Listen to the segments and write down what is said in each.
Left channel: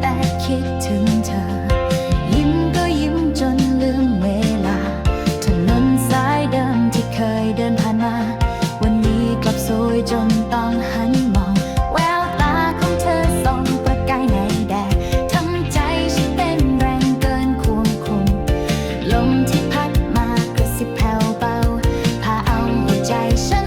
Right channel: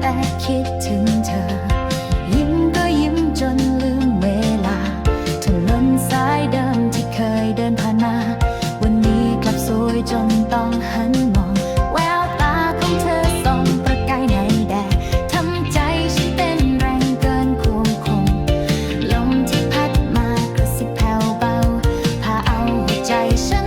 แต่คิดถึงเธอ ยิ้มก็ยิ้มจนลืมเวลา ถนนสายเดิมที่เคยเดินผ่านมา วันนี้กลับสวยจนต้องหันมอง แววตาของเธอส่องประกายในแดดทำใจฉันเต้นแรงเกินควบคุม ลมที่พัดมากระสิบแผ่วเบา พาเอาหัวใจฉัน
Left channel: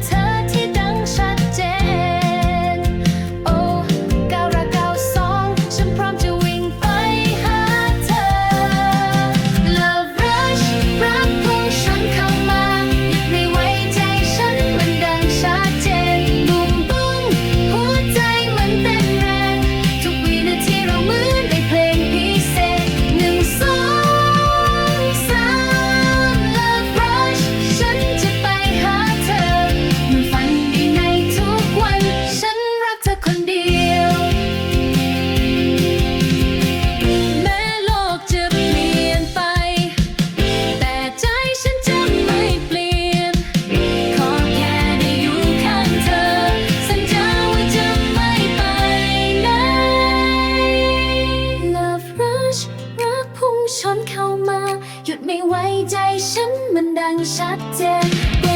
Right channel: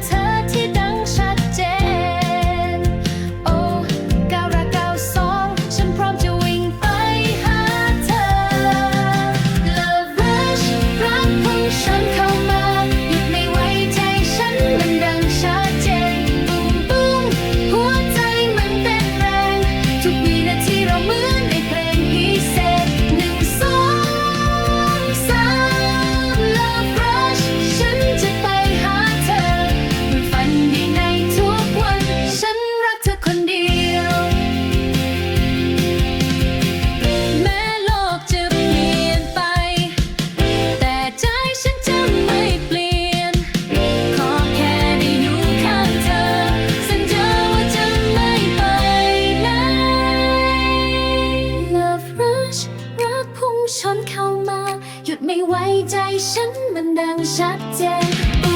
touch. ไม่ไว้ใจฉันมันดังชัดเจน